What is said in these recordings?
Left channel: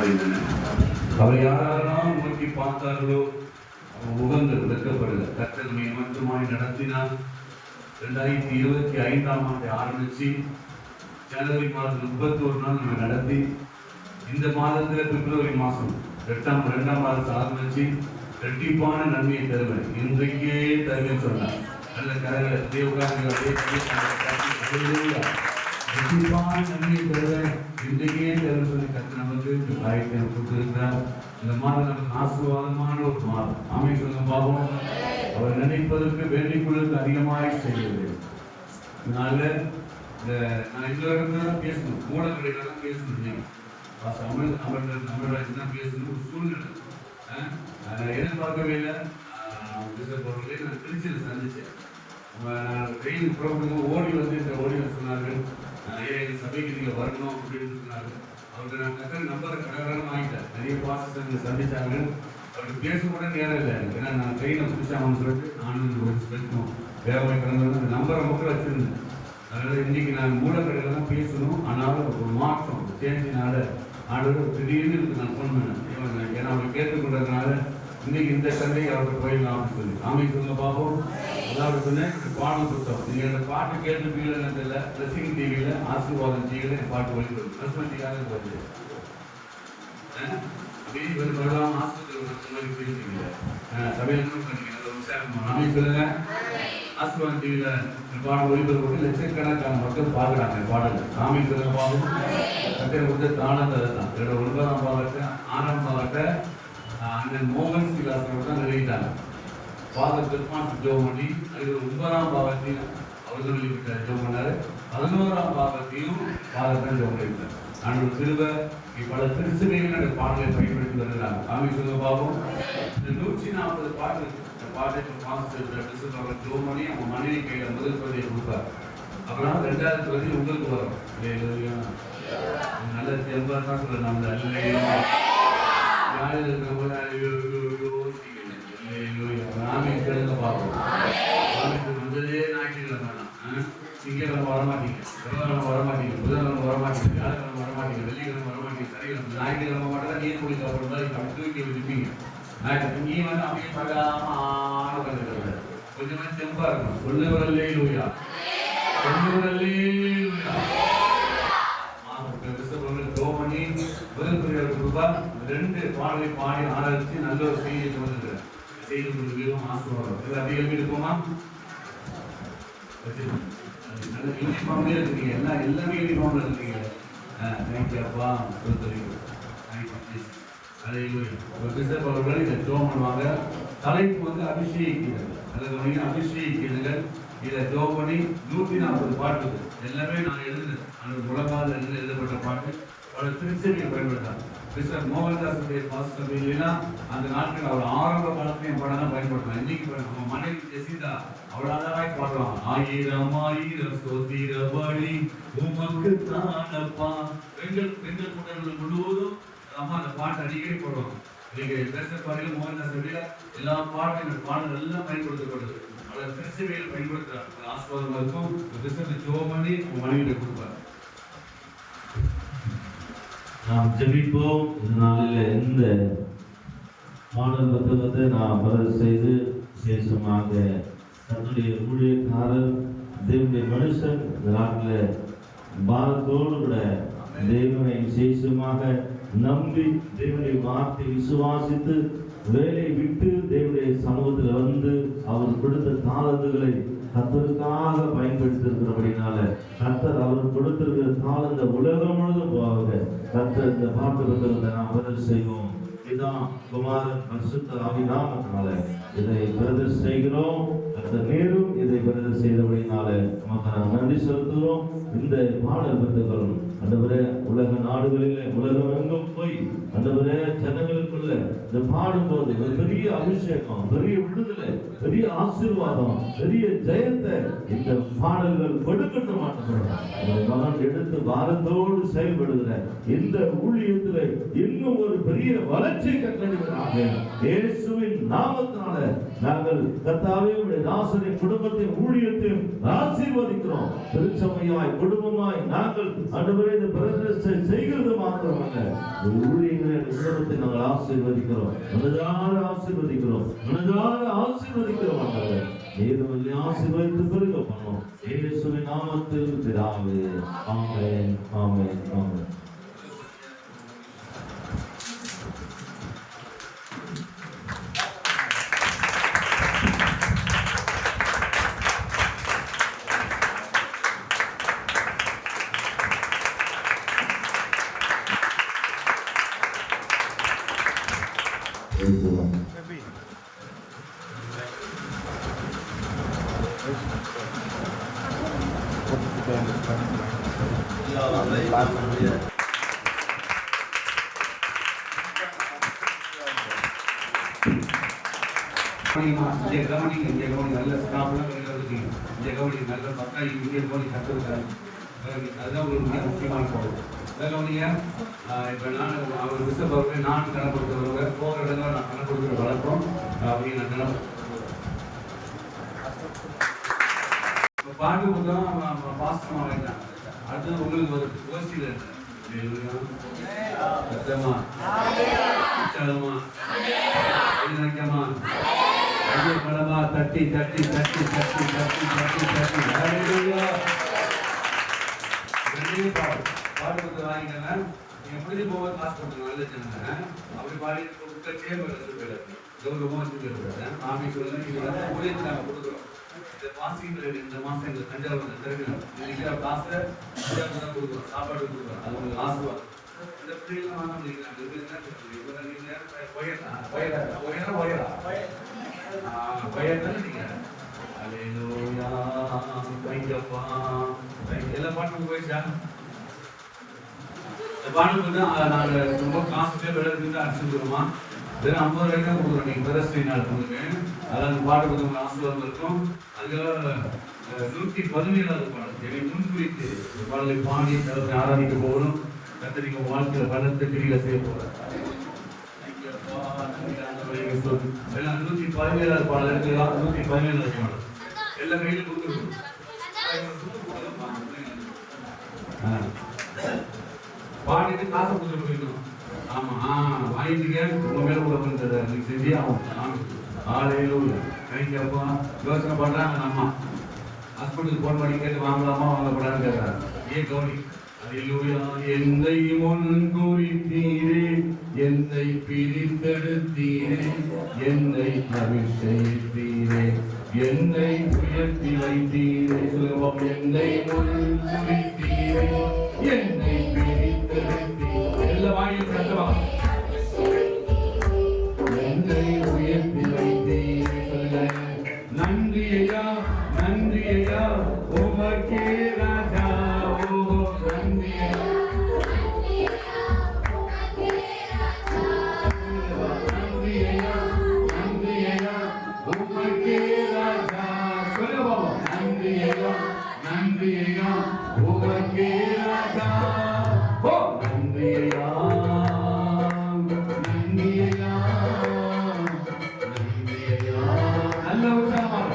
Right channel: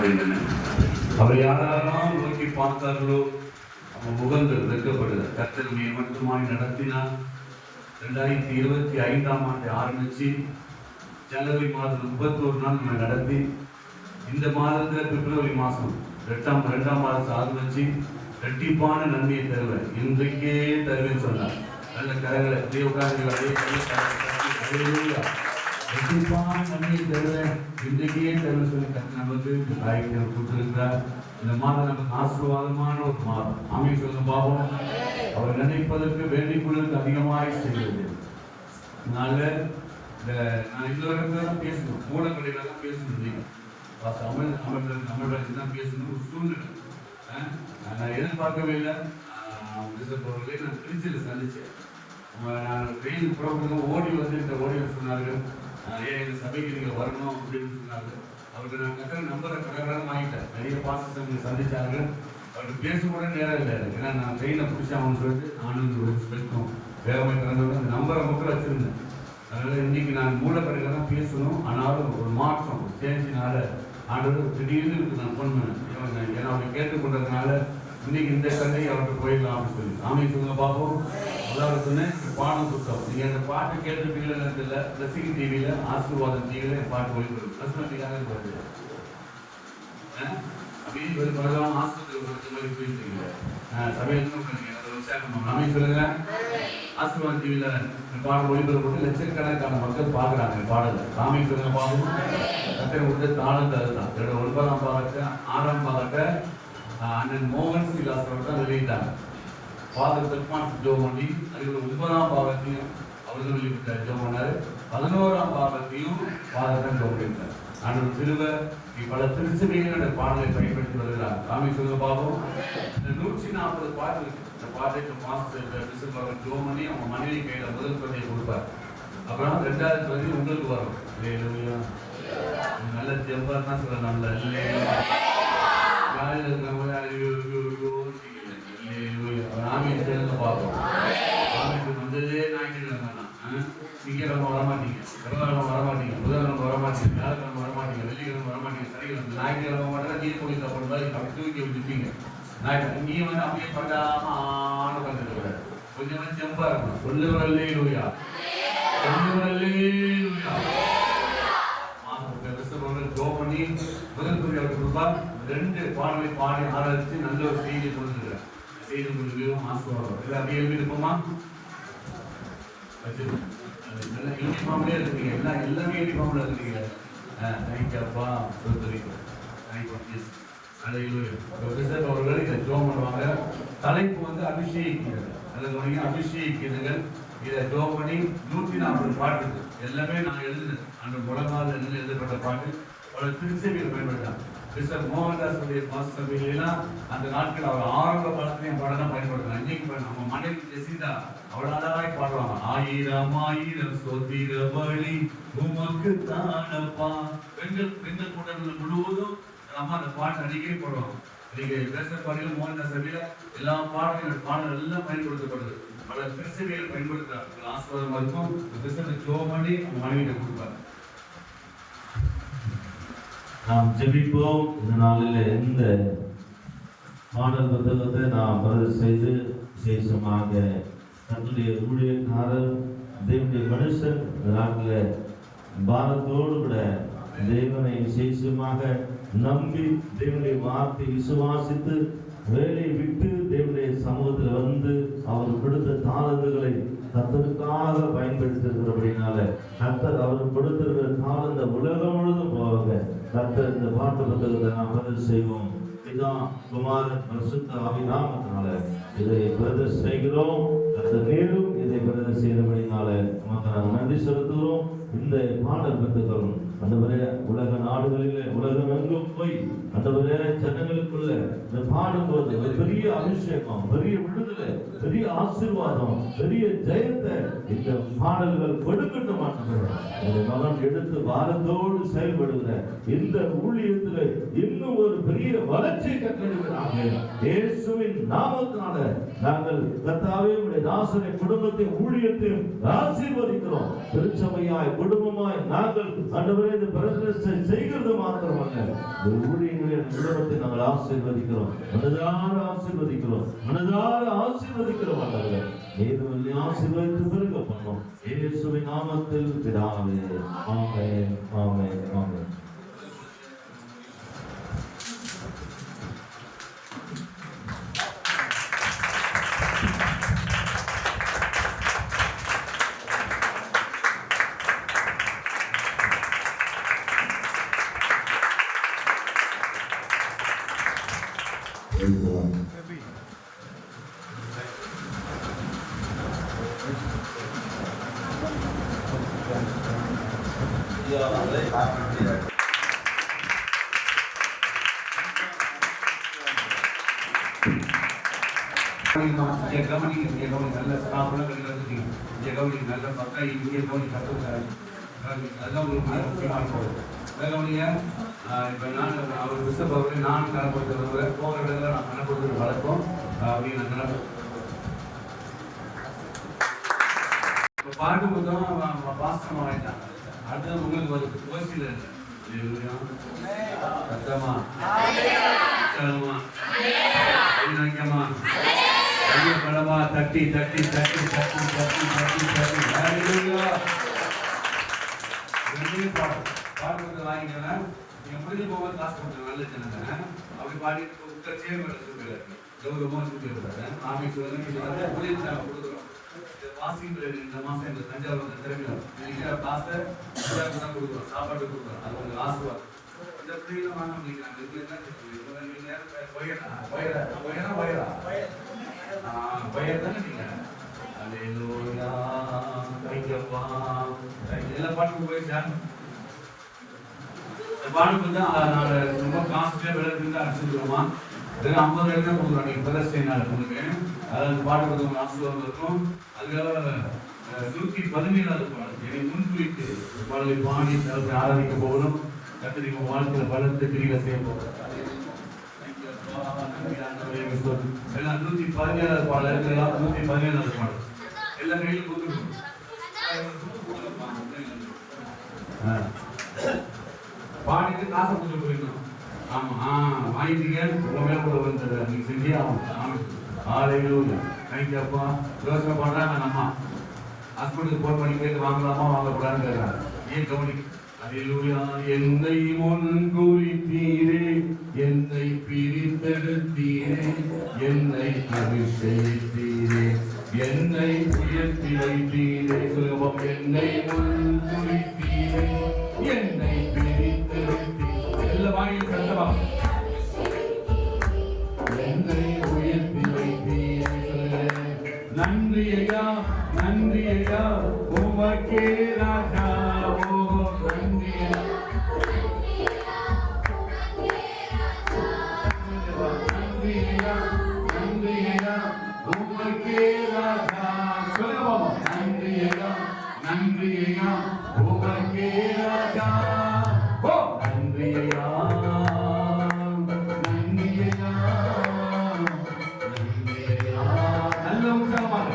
வெளிப்பாடு என்ன? அவர் யாரெல்லாம் நோக்கி பார்த்தார்களோ அவன் உகந்து வெட்கப்படுது. கர்த்தர் மட்டுமாய் நடத்தினார். 2025ஆம் ஆண்டு ஆரம்பிச்சு ஜனவரி மாதம் 31 நாள் நம்ம நடத்தி இந்த மாதத்துல பிப்ரவரி மாதம் 2ஆம் மாதம் ஆரம்பிச்சு ரெட்டிப்பான நன்மையை தருவேன், இன்றைக்கே தருவேன் சொன்னார். நல்ல கரங்களை ரெட்டிப்பான நன்மையை தருவேன், இன்றைக்கே தருவேன் சொல்லி கர்த்தர் நமக்கு ஆயத்தை கொடுத்திருக்கிறார். இந்த மாதம் நமக்கு ஆசீர்வாதமான ஒரு மாதம். ஆமென் சொல்லுங்க பாப்போம். அவர் நினைப்பதற்கு வேண்டிக் கொள்வதற்கு அதிகமாக செய்வது. அதனால நான் இந்த இடத்துல தான் பேசணும், மூலக்கடையில தான் பேசணும். இல்லைங்க அமர்வாசி தான் பேசணும். ஒரு சூழ்நிலை நான் எதிர்பார்க்கவே இல்லை. நான் திருச்சியில் சந்திச்சேன். நான் ட்ரெயின் புறப்பட்டு ஓடி வந்து சொன்னார்கள், எங்கள் சபைக்கு நீங்கள் வரணும் அப்படின்னு சொன்னார்கள். அவருக்கு நான் கரெக்டாக நம்பரை கடற்கடன் வாங்கிட்டேன். நிறைய பாஸ்டர்ஸ் சந்திச்சார்கள். அவருக்கு பேசக்கூட நேரம் இல்லை. ஏன்னா நான் ட்ரெயினை பிடிச்சாங்கன்னு சொல்லிட்டு நானும் பேசணும் வேகமாக கடந்து அந்த நம்பரை மட்டும் வச்சுருந்தேன். அதனால் இன்றைக்கி நான் மூலக்கடையில் தான் பேசணும். ஆனாலும் ஒரு மாற்றம் சேஞ்சினால ஆண்டவர் திடீர்னு நான் ஃபோன் பண்ணேன். ஏன்னா அவர் கேட்டுக்கொண்டதுனால இன்னைக்கு இந்த சண்டை அவருக்கு போயிடலாம் அப்படின்னு சொல்லி. ஆமென் சொல்லுங்க பார்ப்போம். அதாவது சொன்னேன், பாடம் புத்தகம் நீங்கள் அந்த பாட்டு கேட்டிருப்பீங்களா தெரியல. பிளஸிங் டிவியில் ஆசீர்வாதம் டிவியில் என் பாட்டு போயிட்டு பிரசனத்துக்காக வருது. அப்படியே ஒரு பரவாயில்ல ஆஸ்பத்திரி பேசுறீங்க சபையில் பண்ணீங்க. அதை விசாரணை ஆமென் சொல்லுங்க. ஆசீர்வாதம் டிவியில் பாடம் ஒளிபரப்பு லட்சக்கணக்கான மக்கள் பார்க்குறாங்க பாடல். ஆமென் சொல்லுங்க பாவம். கட்டளை கொடுத்த தாளத்தை தான் 9ஆம் பாகத்தை 6ஆம் பாகத்தை அண்ணன் மோகன் சிலாஸ் அவர் தான் நிறையிட்டாங்க. ஃபாதர் பெர்மான் ஜோம் பண்ணி அதில் 9ஆம் பாகத்தையும் அவர் சொல்லிவிட்ட ஜோம் பண்ணார். 11ஆம் பாகத்தையும் ஃபாதர் தான் ஜோம் பண்ணியிருந்தார். அன்று திருவ பல திருச்சபைகள் பாடலை பயன்படுத்தி வருகிறாங்க. ஆமென் சொல்லுங்க பாவம். இந்த 140 பாட்டு இந்த பாட்டை மாஸ்டர் ஜோம் பண்ணி அவங்க மனைவி கையில் முதல் பிரதியை கொடுப்பார். அப்புறம் 2வது பிரதி உங்களுக்கு வரும். நல்ல ஜெபம் தான் சொல்ல நல்ல யாரில் இருக்கிறவங்கள ஆமீன் சொல்லுங்க பார்ப்போம். ஆமீன் வந்ததே ஞாயிற்றுக்கிழமை தான். திங்கக்கிழமை வரமாட்டீங்க, செவ்வாய்க்கிழமை வரமாட்டீங்க, புதன்கிழமை வரமாட்டீங்க, வியாழக்கிழமை வரமாட்டீங்க, வெள்ளிக்கிழமை வரமாட்டீங்க, சனிக்கிழமை ஞாயிற்றுக்கிழமை மட்டும் தான் நீர் குடி சாப்பிடும் மாதிரி அப்படி தூக்கி வச்சுப்பீங்க. நீ வந்து அப்படியே படாம உட்காந்துருக்க கொஞ்சம் செம்பா இருக்கணும். சொல்லுவரல்லே லூயா, சொல்லுவரல்லே லூயா. பண்ணி முதல் குறியாளர் கொடுப்பார். 2 பாடலை பாடி ஆராய்ச்சி நல்ல ஒரு செய்தி கொடுத்துருக்கார். செய்தி கொடுக்கவும் ஆசீர்வாதம். இது அப்படியே எழுதிருப்போமா? நல்ல யூனிஃபார்ம்லேயே இருக்கீங்க. எல்லாமே யூனிஃபார்ம்ல இருக்கீங்க. தேங்க்யூப்பா சொல்லுறீங்க. அவர்கள் இதை ஜோம் பண்ணுவாங்க. தலைப்பு வந்து அபிஷேகிக்கிறது. அதாவது அபிஷேகிக்கிறதுகள் இதை ஜோம் பண்ணி 140 பாட்டு எல்லாமே நான் எழுதுனேன். அந்த முழங்கால எழுதப்பட்ட பாட்டு பல திருச்சபையில் பயன்படுத்தாங்க. மிஸ்டர் மோகன்தாஸுடைய பாஸ்டர்லாம் அந்த நாட்கள் அவர் ஆரம்ப காலத்திலையும் பாடலாம் பயன்படுத்தலாம். இன்னைக்கு நம்ம மனைவி ஜெசிதா அவ்வளோ அழகாய் பாடுவாங்க. 1000 ஸ்தோத்திர பலி உமக்கு தானப்பா. பெண்கள் கூட்டங்கள் முழுவதும் நம்ம அந்த பாட்டு அடிக்கடி போடுவாங்க. இன்னைக்கு பேசுகிற பாடல மோகன்தாஸ் சபையில் எல்லா பாடல் எல்லாம் பயன்படுத்தப்படுது. பல திருச்சபைகள் பயன்படுத்துறாங்க. ஆசீர்வாதமா இருக்கும். பிசினஸ் ஜோம் பண்ணி அவங்க மனைவியிட்ட கொடுப்பாங்க. நாம் ஜெபிப்போம். இந்த நாளில் இந்த பாடல் புத்தகத்தை நாம் பதிவு செய்து விசேஷமாக தன்னுடைய ஊழியக்காரர் தேவனுடைய மனுஷன் இந்த நாட்டில் பாரத்தோடு கூட தேவனை விசேஷமாக நம்பி தேவனுடைய வார்த்தை விசுவாசித்து வேலை விட்டு தேவனுடைய சமூகத்தில் வந்து அவர் கொடுத்த தாளந்துகளை கர்த்தருக்காக பயன்படுத்திருக்கிறபடினால கர்த்தர் அவர் கொடுத்திருக்கிற தாளந்த உலகம் முழுதும் போவாங்க. கர்த்தர் இந்த பாட்டு புத்தகத்தை நாம் பதிவு செய்வோம். இதான் குமாரன் பரிசுத்த ஆவிநாமத்தினால இதை பிரதர் செய்கிறோம். கர்த்தர் மேலும் இதை பிரதர் செய்தபடினால நமக்கு நன்றி செலுத்துகிறோம். இந்த பாடல் புத்தகம் ஆண்டவரே உலக நாடுகளிலே உலகம் எங்கும் போய் ஆண்டவரே ஜனங்களுக்குள்ள இந்த பாடும்போது ஒரு பெரிய அபிஷேகம், பெரிய விடுதலை, பெரிய ஆசீர்வாதம், பெரிய ஜெயத்தை இந்த பாடல்கள் கொடுக்கட்ட மாட்டேங்கிறோம். ஒரு மகன் எடுத்து பாரத்தோடு செயல்படுகிற இந்த ஊழியத்தில் இன்னும் ஒரு பெரிய வளர்ச்சியை கட்டளிடுகிறாங்க. இயேசுவின் நாமத்தினால நாங்கள் கர்த்தாவே உடைய தாசனை குடும்பத்தை ஊழியத்தையும் ஆசீர்வதிக்கிறோம். திருச்சபையாய் குடும்பமாய் நாங்கள் ஆண்டவரே இந்த பிரதிஷ்டை செய்கிறது மாத்திரமல்ல ஊழியங்களை குடும்பத்தை நாங்கள் ஆசீர்வதிக்கிறோம், மனதார ஆசீர்வதிக்கிறோம், மனதார ஆசீர்வதிக்கிறோம். ஆண்டவரே ஏதுமில்லை ஆசீர்வதித்து பெருக பண்ணோம். இயேசுவின் நாமத்தில் பிதாவே, ஆமென், ஆமென், ஆமென். நல்ல ஸ்டாஃப்லாம் நல்ல மக்கள் இங்கே கவனி கற்றுருக்காங்க. அதுதான் ஒரு மிக முக்கியமான பொருள். கவனிங்க, இப்போ நான் அவர் பிஷப் அவர்கள் நான் கணக்கு கொடுக்குறவர் போகிற இடத்துல நான் கணக்கு கொடுக்குற வழக்கம் அப்படின்னு இப்போ பாட்டு புத்தகம் பாஸ்டமாக வேண்டாம். அடுத்தது உங்களுக்கு ஒரு கோஷ்டியில் சத்தமா உற்சாகமா வைக்கமா கையை பலமா தட்டி தட்டி தட்டி தட்டி தட்டி தட்டி தட்டி பாட்டு பாட்டு வாங்கிக்கங்க. நீங்கள் முடிஞ்சு போக காசு கொடுத்துருங்க. நல்ல ஜனங்க அப்படி பாடி உட்க சேர்வு சொல்லுங்க. கௌரவமாக சொல்லிடுறேன். ஆஃபீஸ் வந்து இது வந்து ஊழியத்தை நாங்கள் கொடுக்குறோம். இந்த மாசிகள் இந்த மாதம் எங்களுக்கு தஞ்சாவூர் திறக்கணும். இன்னைக்கு காசை தஞ்சாவூர் தான் கொடுக்குறோம், சாப்பாடு கொடுக்குறோம். அது உங்களுக்கு ஆசீர்வாதம். இந்த பிள்ளைகளை வாங்க முடிக்கிறாங்க. எல்லா பாட்டுக்கும் போயிடுச்சாங்க. பாட்டுக்கு தான் நான் ரொம்ப காசுலேயே விளையாட்டு தான் அடிச்சுருக்கோமா. வெறும் 50 ரூபாய்க்கு தான் கொடுக்குறோம். நீங்கள் பெரஸ்டை நடத்துங்க. அதாவது பாட்டு கொடுத்தவங்க ஆசீர்வாதம் இருக்கும். அதுக்காக 117வது பாடல் என்னை முன்குறித்து பாடலை பாடி ஆராதிக்க போகணும். கத்திரிக்க வாழ்க்கையில் பலத்தை கிரியில செய்ய போகிறோம். எல்லாம் 117வது பாடல் எடுக்கலாம். 117வது பாடல் எல்லா கையிலும் கொடுத்துருக்கோம். பாடிட்டு காசு கொடுத்து போயிடணும். ஆமா வாங்கிட்டீங்க. உங்க மேல கூட வந்தது நீங்க செஞ்சே ஆகும். ஆலையில கைப்பா யோசனை பண்றாங்க. நம்ம ஹாஸ்பிட்டலுக்கு போன் பண்ணி கேட்டு வாங்கலாமா வாங்கப்படான்னு கேட்கிறாங்க. ஏன் கவனி. என்னை முன்குறித்தீரே, என்னை பிரித்தெடுத்தீரே, என்னை அபிஷேகித்தீரே, என்னை உயர்த்தி வைத்தீரே. சொல்லுங்க, என்னை முன்குறித்தீரே, என்னை பிரித்தெடுத்தீரே. எல்லா வாங்கியும் சத்தமா என்னை உயர்த்தி வைத்தீரே. சொல்லுங்க, நன்றி ஐயா, நன்றி ஐயா, உமக்கே ராஜா. நல்ல உற்சாகமாக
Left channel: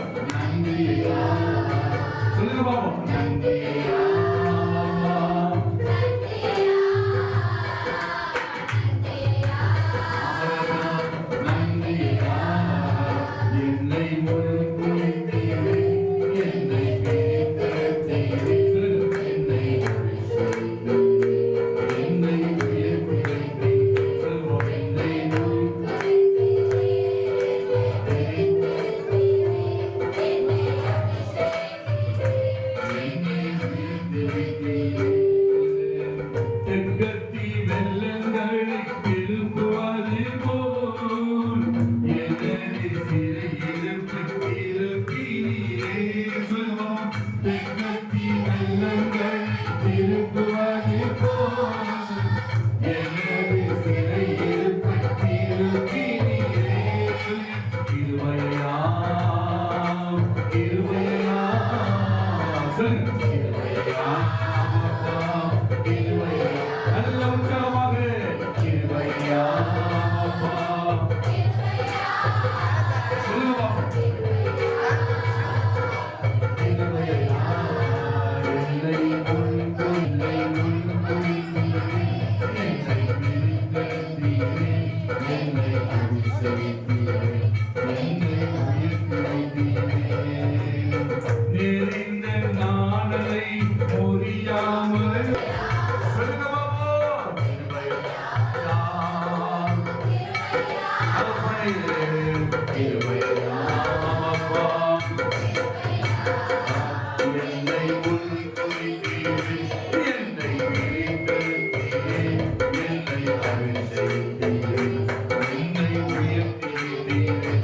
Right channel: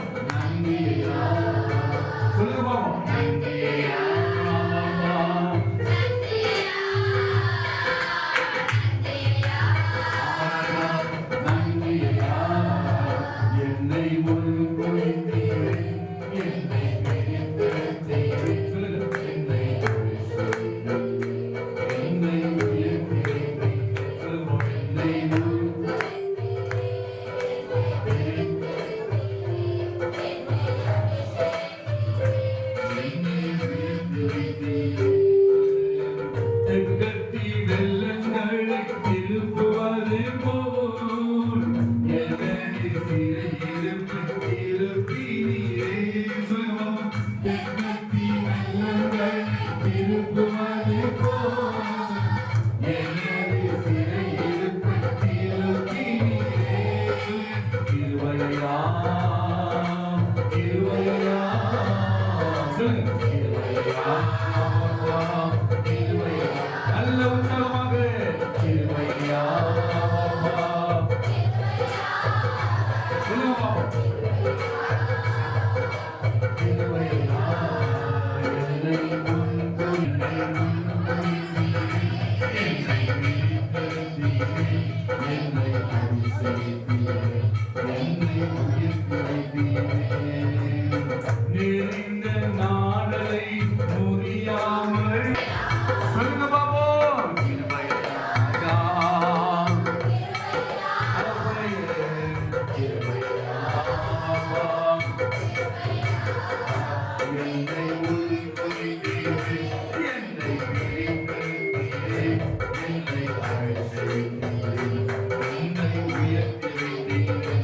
என்னை உயர்த்தினீரே.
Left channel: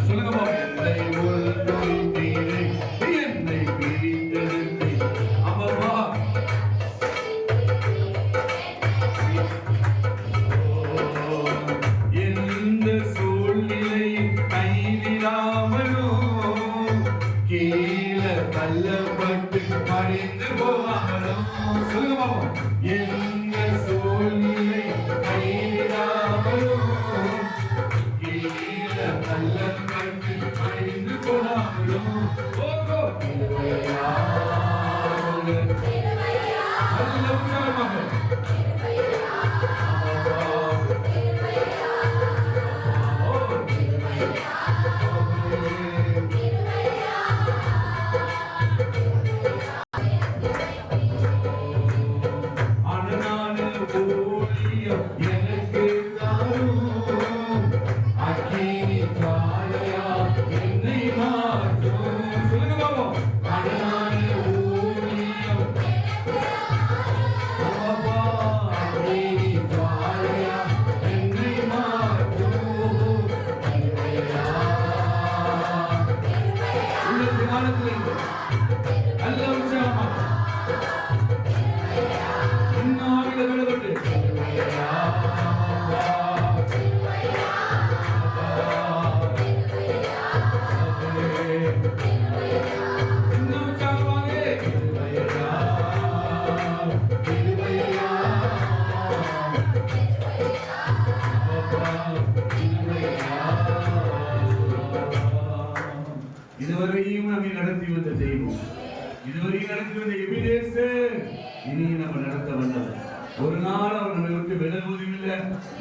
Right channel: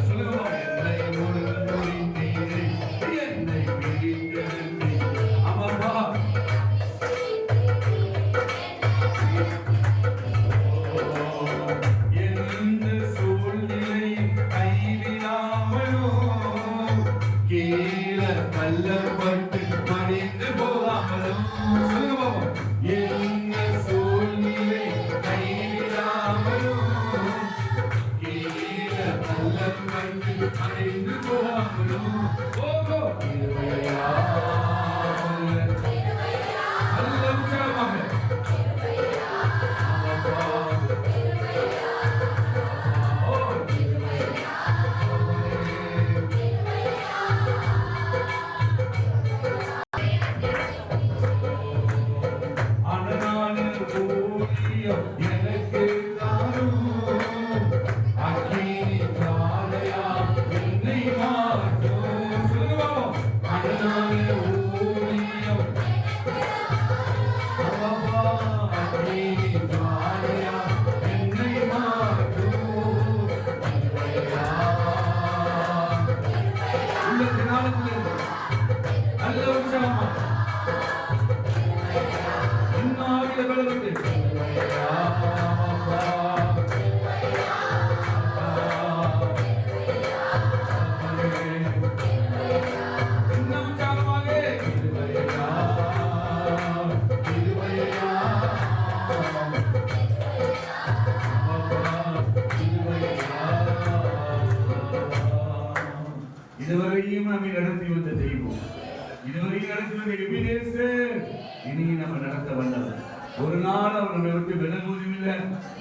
சொல்லுங்க பாப்போம். என்னை உயர்த்தினீரே. என்னை பிரித்தெடுத்தீரே. ஆமாப்பா. எந்த சூழ்நிலை கைவிடாமலும் கீழே தள்ளப்பட்டு மறைந்து போகாமலும். சொல்லுங்க பாப்போம். எந்த சூழ்நிலை கைவிடாமலும் கீழே தள்ளப்பட்டு மறைந்து போகாமலும். ஓகோ திருவையா நல்ல உற்சாகமாக நல்ல உற்சாகமா இன்னாவில வெளிப்பட்டு இன்னும் உற்சாகமாக இதுவரையும் நம்மை நடத்தி வந்த தெய்வம், இதுவரையும் நடத்தி வந்த எபினேசர் இனியும் நம்ம நடத்த வந்தவர். ஒரு நாள் அவர் நம்மை விட்டு விலகுவதும் இல்லை,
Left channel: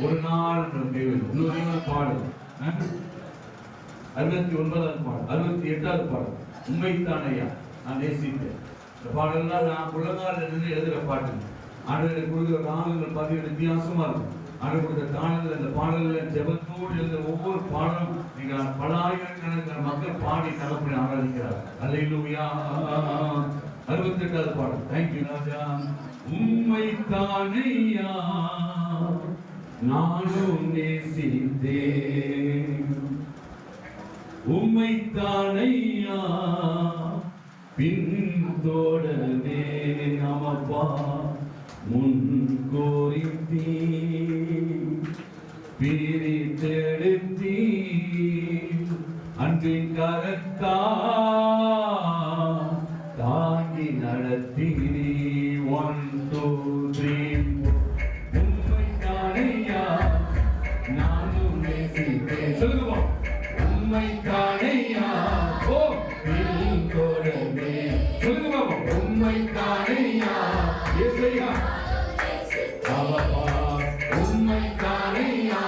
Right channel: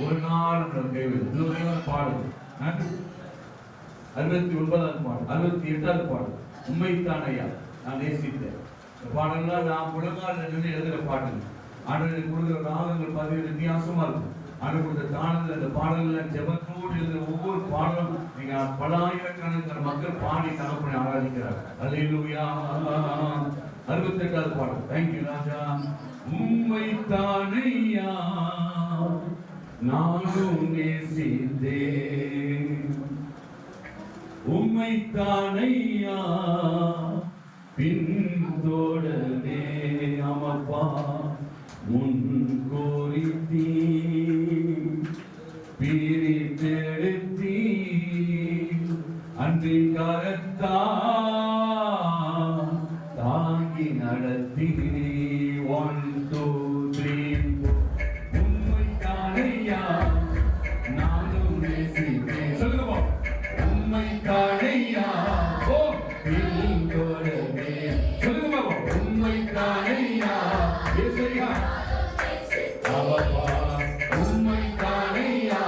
ஒரு நாள் நம்ம கைவிடும். பாடல் 69வது பாடல், 68வது பாடல், உண்மைத்தானையா நான் நேசித்தேன். இந்த பாடல்கள் நான் உலகால இருந்து எழுதுகிற பாட்டுங்க. ஆண்டவருக்கு கொடுக்குற ராகங்கள் பார்த்தீங்கன்னா வித்தியாசமா இருக்கும். ஆண்டவர் கொடுத்த தானங்கள் இந்த பாடல்கள் ஜெபத்தோடு எழுதுகிற ஒவ்வொரு பாடலும் நீங்க பல ஆயிரக்கணக்கான மக்கள் பாடி தகப்பனை ஆராதிக்கிறார். அல்லேலூயா. 68வது பாடல். தேங்க்யூ ராஜா. உம்மைத்தானையா நானும் நேசித்தேன், உம்மைத்தானையா பின்தொடரே. ஆமாப்பா முன் கோரித்தீ பிரித்தெடுத்தீ அன்பின் கரத்தா தாங்கி நடத்தினீ. 1 2 3 உம்மைத்தானையா நானும் நேசித்தேன். சொல்லுங்க உம்மைத்தானையா ஓ பின்தொடரே. சொல்லுங்க உம்மைத்தானையா இயேசுயா ஆமாப்பா உம்மைத்தானையா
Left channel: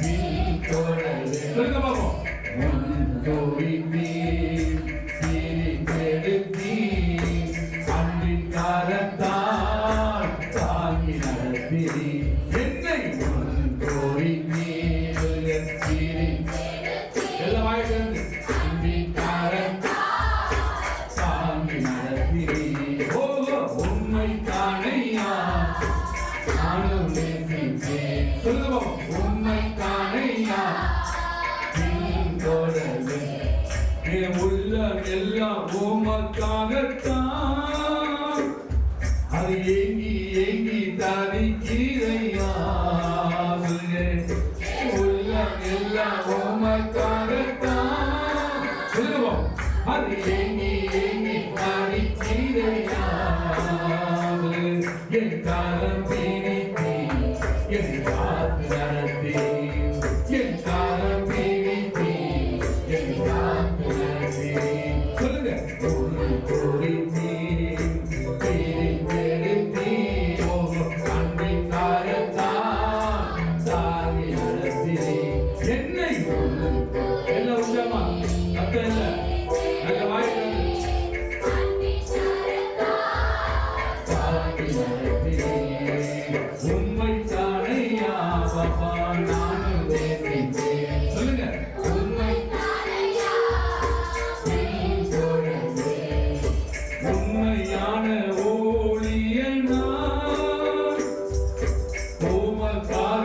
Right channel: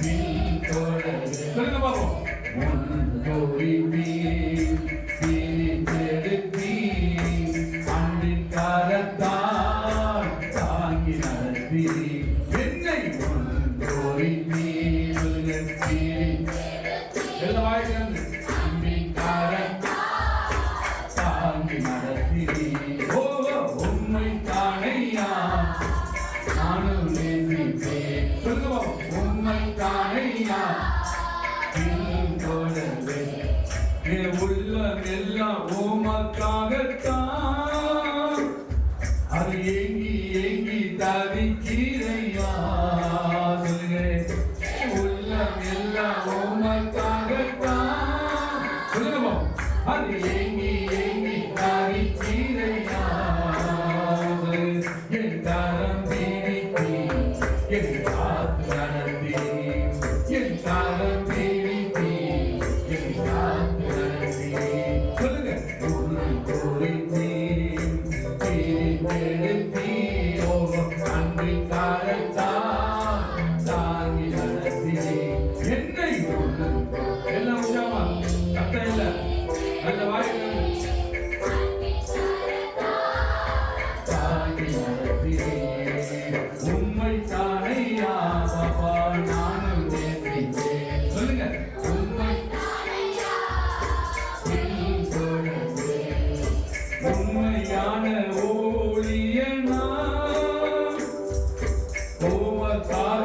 பின்தொடரே. சொல்லுங்க பாப்போம். முன் கோரித்தீ பிரித்தெடுத்தீ அன்பின் கரத்தால் தாங்கி நடத்தினீ. என்னை முன் கோரித்தீ. சொல்லுங்க எல்லா வாய்ப்பு அன்பின் கரத்தால் தாங்கி நடத்தினீ. ஓ உம்மைத்தானையா நானும் நேசித்தேன். சொல்லுங்க உம்மைத்தானையா பின்தொடரே. என் உள்ளம் எல்லாம் உமக்காகத்தான், அது ஏங்கி ஏங்கி தவிக்கிறையா. சொல்லுங்க உள்ளம் எல்லாம் உமக்காகத்தான். சொல்லுங்க அது ஏங்கி ஏங்கி தவிக்கிறையா. என் காலம் பிடித்தீ என் காத்து நடத்தி, என் காலம் பிடித்தீ என் காத்து நடத்தி. சொல்லுங்க உன்னை கோரித்தீ பிரித்தெடுத்தீ ஓ அன்பின் கரத்தால் தாங்கி நடத்தினீ. என்னை எல்லாம் உற்சாகமா அர்த்தம் இல்லை நல்ல வாய்ப்பு உம்மைத்தானையா பாப்பா நானும் நேசித்தேன். சொல்லுங்க உம்மைத்தானையா பின்தொடரே. உண்மையான ஊழியனா உமக்காக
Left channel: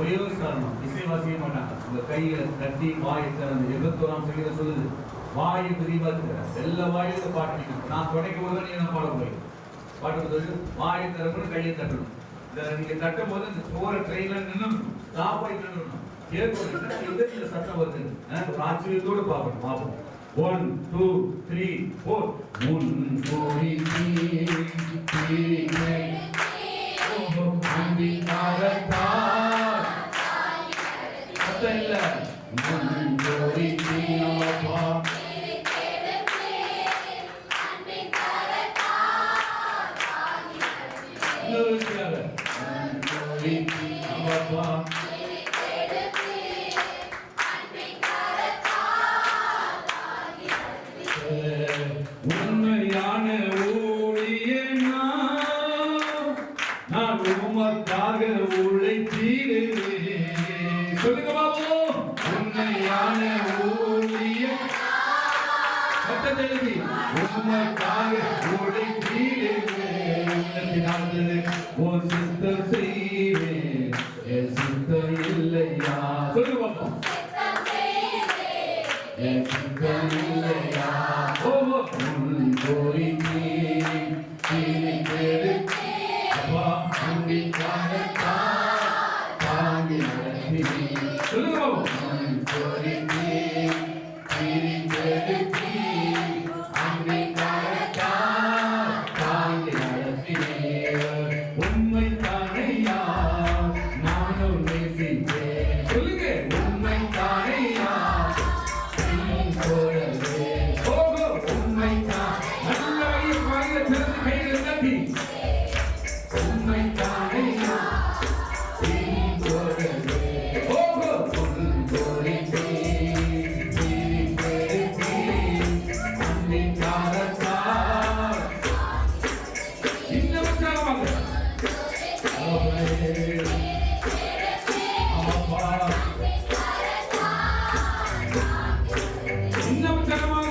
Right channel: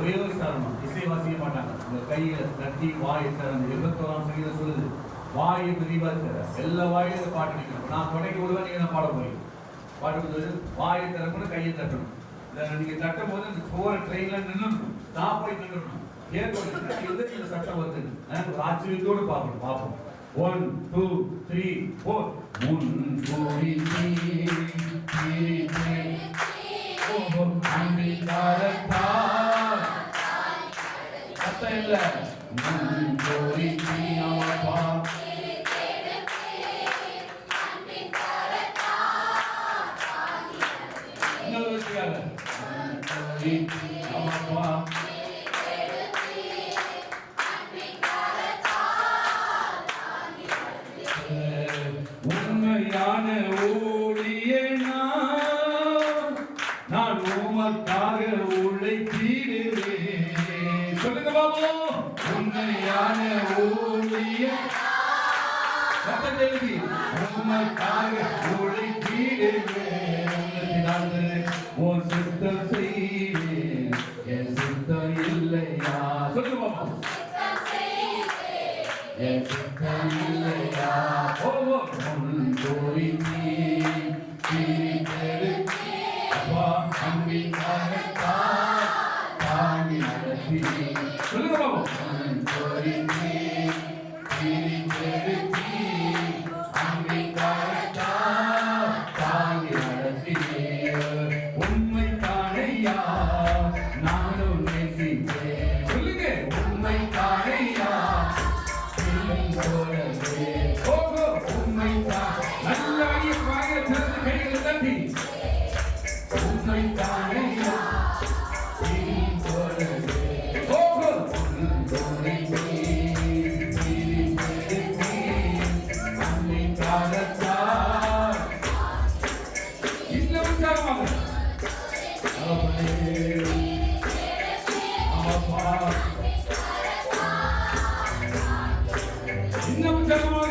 ஒரே ஒரு காரணம், இசை வாசிக்க மாட்டாங்க. உங்க கையில தட்டி வாயை திறந்து 81ஆம் சங்கீதம் சொல்லுது, வாயை திறந்து எல்லா வாயிலும் பாட்டு நீங்க நான் தொடக்க உள்ள நீங்க பாட போறீங்க. பாட்டு வாயை திறக்கணும், கையை தட்டணும். நீங்க தட்டும் போது அந்த போற ட்ரெயின்ல நின்று ஸ்டாப் ஆகி நின்றுணும். ஏற்படுத்தி எதிர்த்துல சட்டம் வருது. ஒரு ஆச்சரியத்தோடு பார்ப்போம். 1 2 3 4 முன்கூறி உண்மையான ஊழியனா நான் உமக்காக உழைத்திடுவேன். சொல்லுங்க பாபு, உண்மையான ஊழியன் சத்தத்தை உமக்காக உழைத்திடுவேன். உன் சித்தம் செய்வேன், என் சித்தம் இல்லையா. சொல்லுங்க பாபு, என் சித்தம் இல்லையா. உண்மை தானையா நானும் நேசிப்பேன். சொல்லுங்க, உண்மை தானையா உண்மை தான். நல்ல வழி வாங்க திறந்து கைகளை தட்டி உண்மை தானையா இன்னும் தரமாக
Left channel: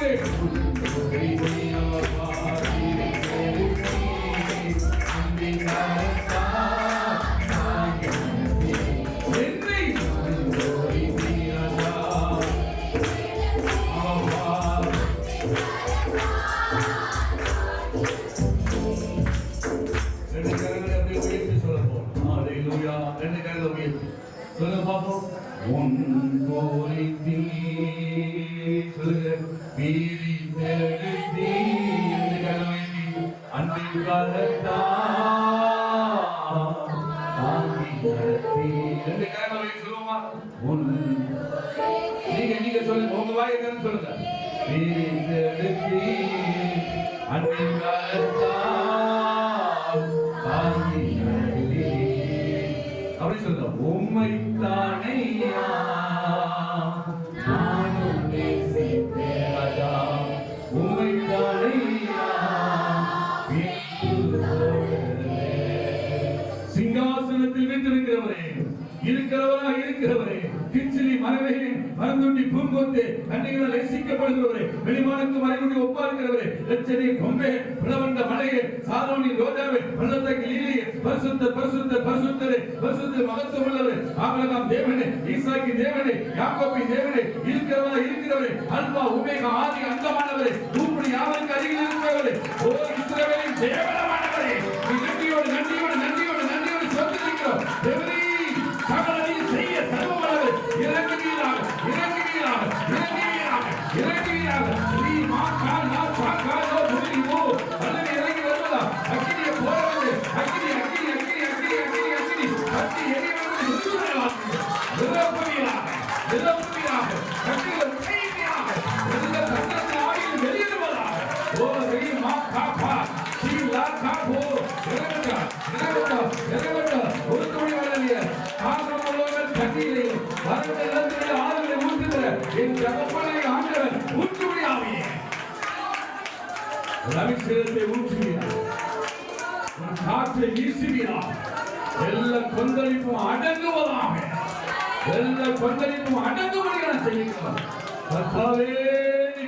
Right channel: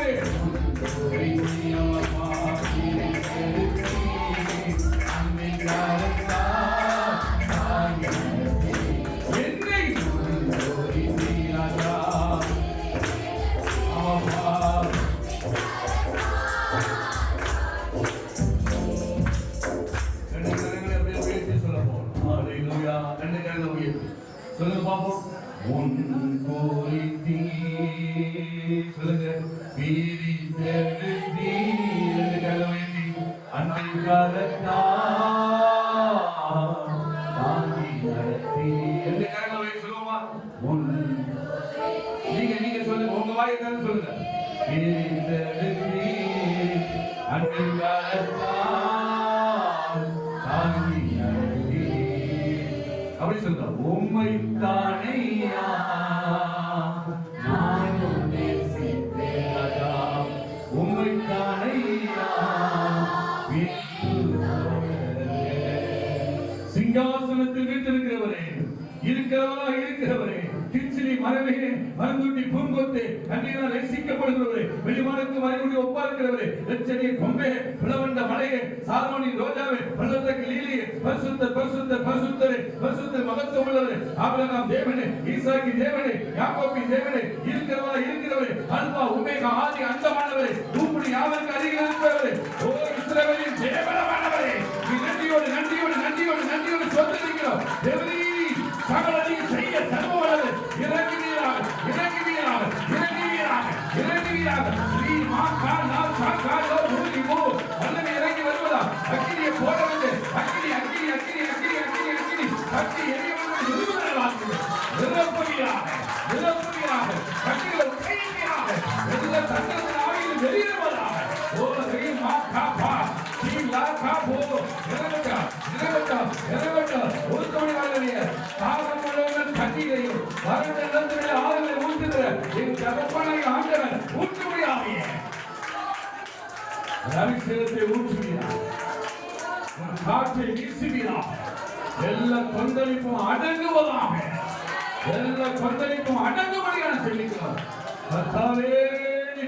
சொல்லுங்க பாப்போம். உன் கோரித்தி சொல்லுங்க, வீரி தெழுதி அன்பின் கரத்தா சொல்லுமா. நீங்க சொல்லுங்க, உங்க வாயை சொல்லுங்க. வீரி தெழுதி அன்பின் கரத்தா அப்படி சொல்ற. உம்மை தானையா நானும் நேசிப்பேன், உம்மை தானையா சிங்காசனத்தில் வீற்றிருக்கிறவரே, இருக்கிறவரே கிச்சிலி மரமே மருந்துட்டி பூங்கொத்தே கண்ணிகளால் நேசிக்கப்படுகிறவரே, வெளிமானுக்கு மறைமுடி ஒப்பா இருக்கிறவரே, லட்சணி கொம்பே பிளவண்ட மலையே சாலோனி ரோஜாவே பள்ளத்தக்கு லீலியே பரிசுத்தரே மகத்துவம் உள்ளவரே, ஆபிரகாம் தேவனே, ஈசாக்கு தேவனே, யாக்கோபின் தேவனே, இருக்கிறவரே அல்பா ஒமேகா ஆதி அந்தமானவரே, பூமியின் யாவருக்கு அருகில் இருப்பவரே, ஓ இஸ்ரவேலின் தேவனானவரே, நன்றியோடு சொல்லிக்கிறோம். சகலதையும் செய்ய தருபவரே, இறங்குவீராக ஸ்ரீ மாகாண இறங்கி வருவதா அக்கினியை போடுவது அக்கினி நிரப்புவீராக அக்கினியை உடைவீராக எல்லா தங்கத்தின் ஆவியில் வெளியிடுவதாக. ஓ ஸ்ரீ மாகாபா ஸ்ரீ லாகாபோ ஒருக்கமை வரவிய ஆகமுள்ளவன் கட்டியை வரவில்லை ஆதரவை ஊற்றுகிற என் ஜபப்பனை ஆண்டவன் ஊற்றுமையாவியே அபிஷேகத்தை ஊற்றுகிறார், உன் காற்றை வீசுகிறார். எல்லா கொந்தளிப்பும் அடங்குவதாக, எல்லா கொந்தளிப்பும் அடங்குவதாக செய்கிறோம். கர்த்தாவே நீ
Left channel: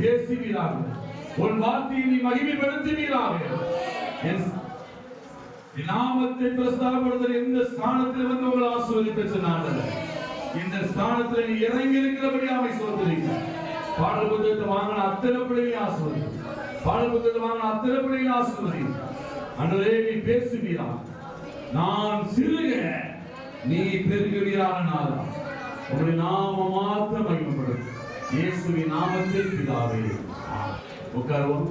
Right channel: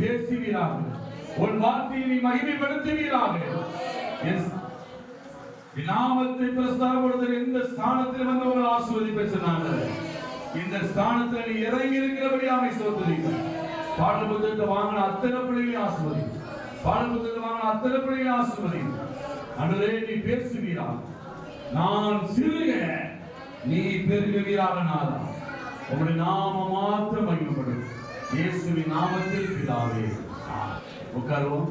பேசுவீராக, உன் வார்த்தையை நீ மகிமைப்படுத்துவீராக. நாமத்தை பிரஸ்தாபப்படுத்த எந்த ஸ்தானத்தில் வந்து உங்களை ஆசீர்வதிப்ப சொன்னாங்க. இந்த ஸ்தானத்தில் நீ இறங்கி இருக்கிறபடியாமை சோதரிங்க. பாடல் புத்தகத்தை வாங்கின அத்தனை பிள்ளைகளை ஆசீர்வதிங்க. பாடல் புத்தகத்தை வாங்கின அத்தனை பிள்ளைகளை ஆசீர்வதிங்க. அன்றே நீ பேசுவீரா, நான் சிறுக நீ பெருகுவீராக நாளா. உங்களுடைய நாம மாத்திரம் மகிமைப்படும். இயேசுவின் நாமத்தில் பிதாவே. உட்காருவோம்.